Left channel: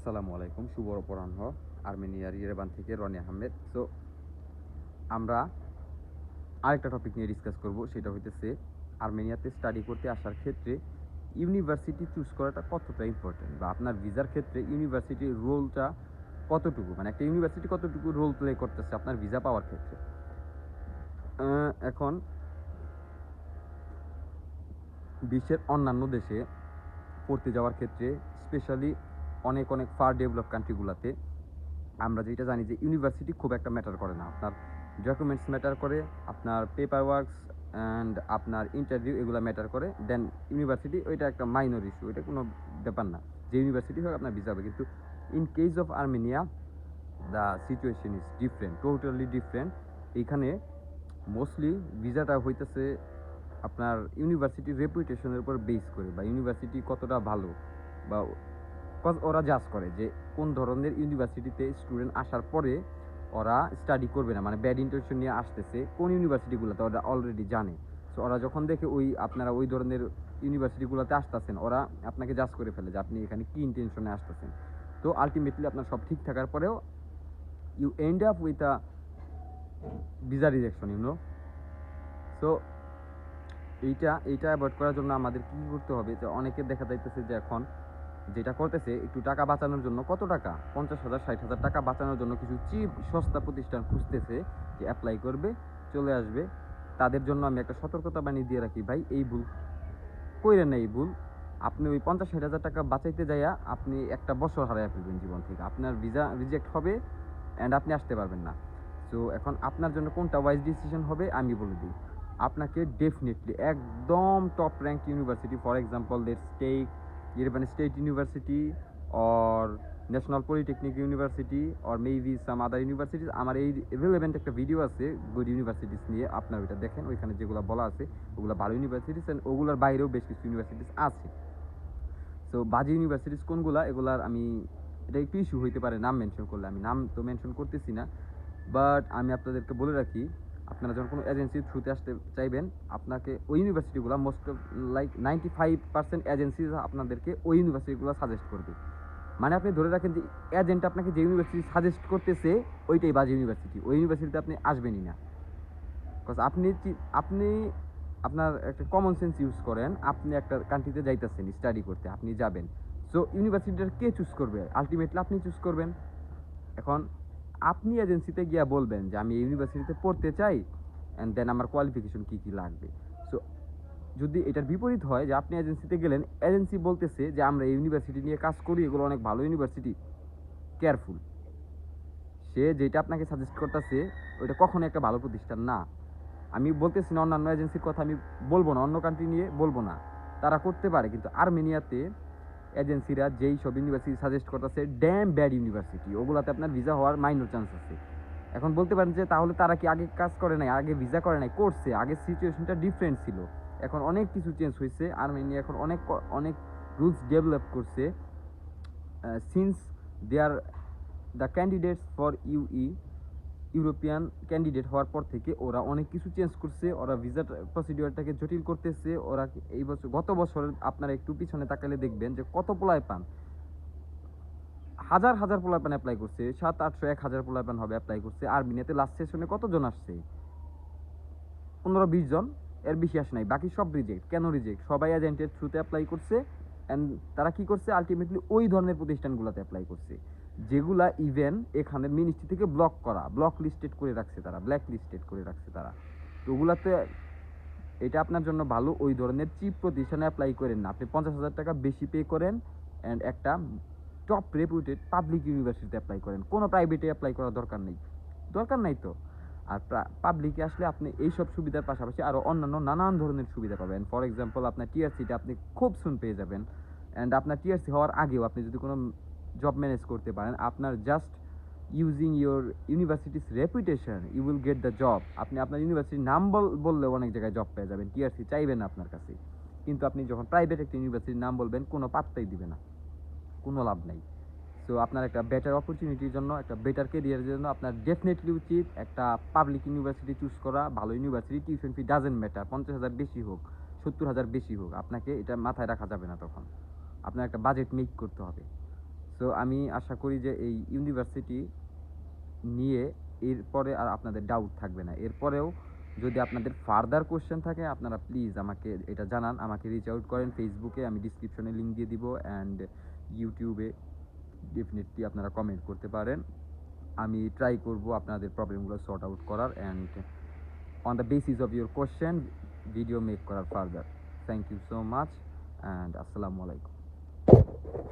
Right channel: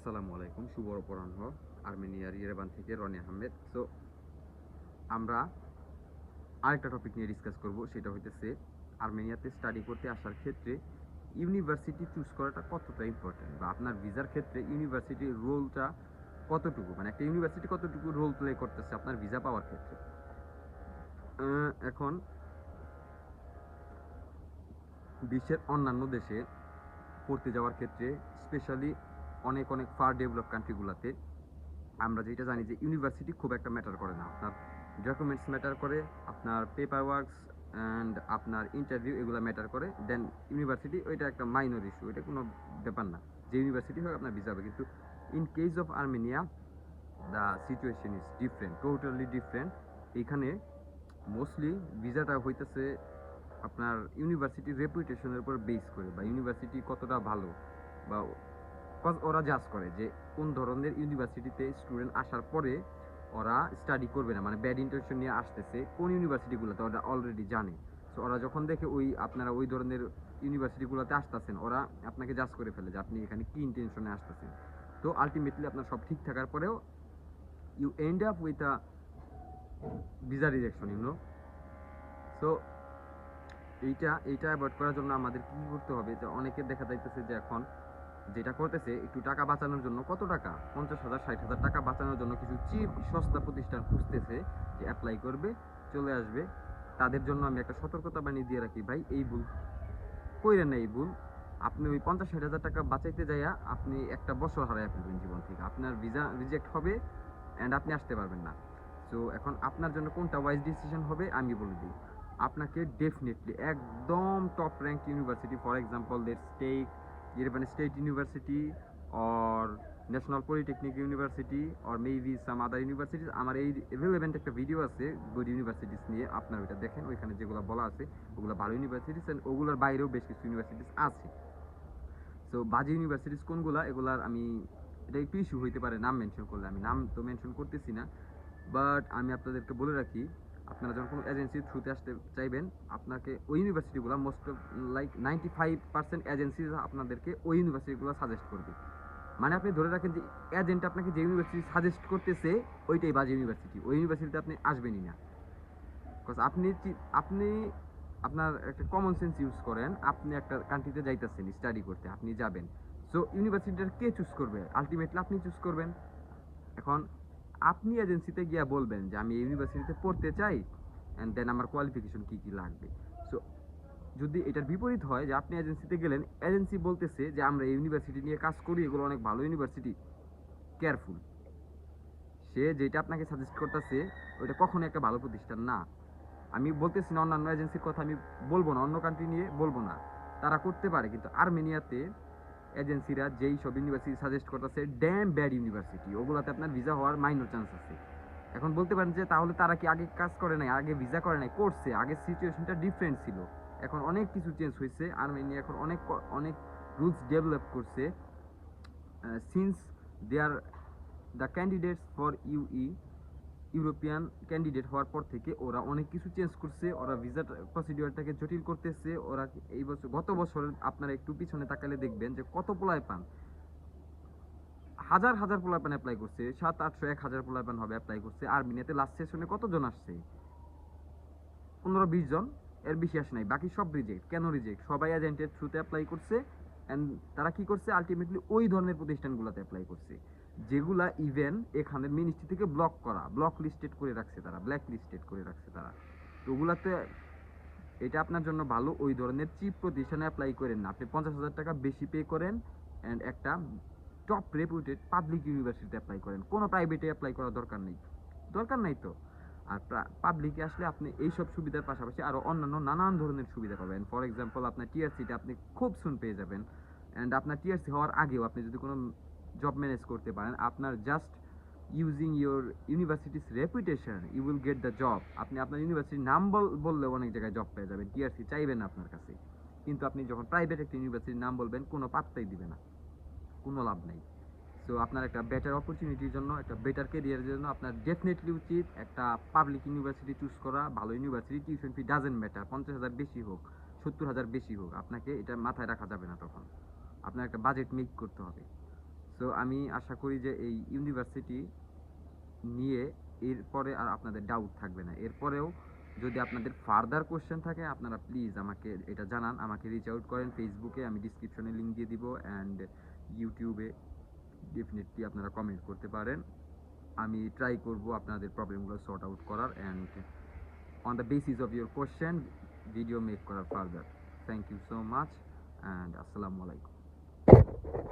আসসালামু আলাইকুম, শুভ অপরাহ্ন। আর্মেনিয়ার ইয়েরেবান থেকে রনি আহমেদ। সো আমরা আরেকটা টপিক নিয়ে ডিসকাস করব, সেটা হইতেছে আর্মেনিয়াতে স্টাডি করতে আসার ক্ষেত্রে ইউনিভার্সিটি চুজ করাটা কতটা ইম্পর্টেন্ট বা আপনার ভিসার ক্ষেত্রে ইউনিভার্সিটির রোলটা কতটুকু? মানে একটা ইউনিভার্সিটি কতটুকু রোল প্লে করতেছে আপনার ভিসা পাওয়ার ক্ষেত্রে? এখন বিশ্বের অন্যান্য দেশে পড়তে যাওয়ার ক্ষেত্রে স্পেশালি অনেক অনেক ফার ডেভেলপ কান্ট্রিগুলোতে আমরা যেটা জানি যে ইউনিভার্সিটি খুব একটা ম্যাটার করে না। আপনার ডকুমেন্টস ম্যাটার করে, আপনার পেপার ওয়ার্কস অ্যান্ড আপনার ইন্টারভিউ এগুলো ম্যাটার করে। দেন ইউনিভার্সিটি ওইটা একটা মাইনর ইস্যু এটা কোনো ব্যাপার না। যে ইউনিভার্সিটি হোক আপনার ভিসা হবে। কিন্তু in case of Armenia the situation is different totally different এইখানে মোস্টলি ভিসাটা হইতেছে আপনার ইউনিভার্সিটির রেপুটেশনের উপর বেস করে বা ইউনিভার্সিটি কতটা ভালো বা কজ ওরা জাজ করে যে কোন ধরনের ইউনিভার্সিটিতে স্টুডেন্ট আসার পরে ওরা স্টাডি করবে না। মানে ব্যাড ইন্টেনশন নিয়ে আসতেছে কোন ইউনিভার্সিটিগুলোতে ওরা অলরেডি জানে। সো ওরা যখন দেখে ওই আপনারা ওই ধরনের ইউনিভার্সিটিগুলোতে আসতেছেন, ওরা আপনাকে জাজ করে ফেলে যে আপনি এখানে কি ইন্টেনশনে আসতেছেন। তো আলটিমেটলি আপনার সব ঠিক থাকার পরেও you end up with a visa rejection you know so এইটা এইটা অ্যাভয়েড করার জন্য আমাদের কি করতে হবে? যে অনেকে দেখা যাইতেছে যে এখন যেটা করতেছে, একটু টাকা বাঁচানোর জন্য কত টাকা? পঞ্চাশ হাজার, ষাট হাজার টাকা বাঁচানোর জন্য কিছু চিপ, সস্তা প্রতিষ্ঠান খুঁজতেছে যে অ্যাপ্লাই করবে, চলে আসবে। তাদের জন্য আমি একটা সতর্কতা বাণী দিয়ে রাখি, ভাই, এই ভুল কইরেন না, এই ভুল। আপনি ওই পঞ্চাশ, ষাট হাজার টাকা বাঁচাইতে যাইয়া আপনি একটা বছর হারাইয়া ফেলবেন জীবন থেকে। আপনার ভিসা রিজেক্ট হবে অ্যান্ড আপনি আসতে পারবেন না। সো এখন আপনার জন্য কোনটা ওয়াইজ ডিসিশন হবে, আমি বলে দিই। আপনাকে ডেফিনেটলি একদম top rank university for example let's take Yerevan State University or National Polytechnic University or maybe some other universities. আমার এই রিলেভেন্ট একটা ভিডিও আছে গুড ইউনিভার্সিটিস নিয়ে। আপনার ওইটা দেখেন, ওইখানে যেগুলো বলা আছে, ওগুলো ভালো ইউনিভার্সিটিস অ্যান্ড ওগুলোর বাইরেও বেশ কিছু ইউনিভার্সিটিস আছে। সো বাজে ইউনিভার্সিটিস কোনগুলা? এগুলার আমি, এটা একটু ইস্যু হইতে পারে, নাম মেনশন করলে আমি, নাম তো মেনশন করতেছি না। বাট আমি আপনাদেরকে বলে রাখি আপনারা যখন কোনো এজেন্সির থ্রুতে আসতে চাইবেন, আপনাকে ওই ইউনিভার্সিটিগুলো most of like ninety five percent agency আপনাদেরকে ওই ইউনিভার্সিটিগুলো সাজেস্ট করবে। মানে আপনি ধরে রাখেন যে এজেন্ট আপনাকে যে ইউনিভার্সিটি সাজেস্ট করতেছে, ওইটাই বাজে ইউনিভার্সিটি ওই ইউনিভার্সিটিতে আপনি আসবেনই না। বিকজ আপনি আপনি আপনার একটা কমন সেন্স ইউজ করেন, আপনি একটা কান্ট্রিতে যাইতেছেন স্টাডি করতে, আপনি যাবেন। সো ইউনিভার্সিটিটা কে চুজ করবে? আলটিমেটলি আপনি চুজ করবেন। এখন আপনি এজেন্সিতে গিয়া বলবেন যে আমি ইউনিভার্সিটিতে পড়তে চাই অ্যান্ড দেন আমার কোয়ালিফিকেশন কি কি লাগবে? সো যদি এটার বিপরীত হয় যে আপনি এজেন্সিতে গেলেন এজেন্সি বলতেছে যে আমরা ইউনিভার্সিটি নিয়ে কাজ করি, এগুলো অনেক ভালো ইউনিভার্সিটি কেয়ারফুল সে যেটা আপনাকে সাজেস্ট করতেছে, ওইটা কখনো একটা ভালো প্রতিষ্ঠান না। আমি বলতেছি না অন্যান্য এজেন্সির কথা আমি বলব না, অন্য কান্ট্রি নিয়ে বলব না। তারা করতে পারে, কিন্তু আর্মেনিয়াতে এজেন্সিরা যেই সব ইউনিভার্সিটি সাজেস্ট করতেছে ড্যাম ব্যাড ইউনিভার্সিটি ওগুলাতে আপনার ভিসা হওয়ার মাইনর চান্স আছে। এখন বলতে পারেন যে তাহলে তারা কি আগে কাজ করে নাই, আগে ভিসা করে নাই, করছে, আগে সিচুয়েশনটা ডিফারেন্ট ছিল। এখন অনেক কিছু চেঞ্জ হয়েছে আর্মেনিয়া এখন অনেক অনেক রুলস ডেভেলপ করছে since they are the candidates for EU European candidate হওয়ার পর থেকে ওরা অনেক কিছু চেঞ্জ করছে, ওরা ভিসা প্রসিডিওরটাকে জটিল করতেছে, ওরা এই বছর, গত বছর আপনারা একটু পিছনে তাকালে দেখবেন যে কত পোলায় পান হাজার হাজার পোলায় পান অ্যাপ্লাই করছে, সাত, আটশো, এক হাজার পোলায় পান হবে অ্যাপ্লাই করছে আর্মিনিয়াতে লাস্ট সেশনে কতজন আসছে? পনেরো, বিশ জন, এর বেশি আসে নাই, বাকি সব রিজেক্ট কেন রিজেক্ট সবাই এজেন্টের থ্রুতে অ্যাপ্লাই করছে অ্যান্ড তারা কি করছে? আলটিমেটলি ওই ধরনের প্রতিষ্ঠানগুলোতে অ্যাপ্লাই করছে। যেগুলা ইভেন এখানে মিনিস্ট্রি থেকে ব্লক করা ব্লক লিস্টেড করে রাখছে তারা ব্ল্যাক লিস্টেড করে রাখছে তারা। তো ওগুলাতে এটা আপনার জন্য ভালো, ওই ধরনের চিপ প্রতিষ্ঠানে অ্যাপ্লাই করেন না। আপনি পঞ্চাশ হাজার টাকা বেশি পে করেন অ্যান্ড একটা টপ রেপুটেড পাবলিক ইউনিভার্সিটিতে অ্যাপ্লাই করেন। কোনো প্রাইভেটে অ্যাপ্লাই করার দরকার নেই। দরকার নাই তো। আর পাবলিকে আসলে আপনি এই সব সুবিধার পাশাপাশি আরও অন্যান্য নানান ধরনের সুবিধা পাবেন। ফর এক্সাম্পল আপনার টিআরসিটা আপনি খুব সুন পেয়ে যাবেন। অ্যান্ড আপনার টিআরসি হওয়ার আগেও আপনি যদি কোনো জব ম্যানেজ করতে পারেন, আপনার just using your university's reputation you will get the job আপনি আপনার ইউনিভার্সিটির নাম বল- বললেও অনেক জায়গায় জব পেয়ে যাবেন টিআরসি চাইবেন আপনার কাছে। কিন্তু আপনি যখন প্রাইভেট একটা ইউনিভার্সিটির নাম বলবেন, কোনো পাত্তাই দিবে না। কোনো লাভ নাই। সো আপনার একটা বেটার অপরচুনিটির জন্য, একটা বেটার কেরিয়ারের জন্য আপনার ডেফিনেটলি উচিত একটা পাবলিক ইউনিভার্সিটি চুজ করা, ভালো university tuition fee doesn't matter পঞ্চাশ হাজার বেশি হোক, সত্তর হাজার বেশি হোক, আপনাকে এটা মাথায় রাখা যাবে না তখন। আপনার একটা বাজেট মেক করতে হবে। সো আমি আশা করি যে এই ইউনিভার্সিটি নিয়ে এরপরে আর আপনাদের ডাউট থাকবে না। এরপরেও যদি আপনাদের ফার্দার কোশ্চেন থাকে, আপনারা প্লিজ আমাকে এটা জানান, আমাকে রিচ আউট করেন ফেসবুকে আমি ডিসক্রিপশনে লিঙ্ক দিয়ে দিব অ্যান্ড ইউটিউবে ডেফিনেটলি আপনারা কমেন্ট করতে পারেন। আমি ট্রাই করব আপনাদের প্রবলেমগুলো সর্ট আউট করার and on the basis of your question video make করার further thank you so much and আসসালামু আলাইকুম।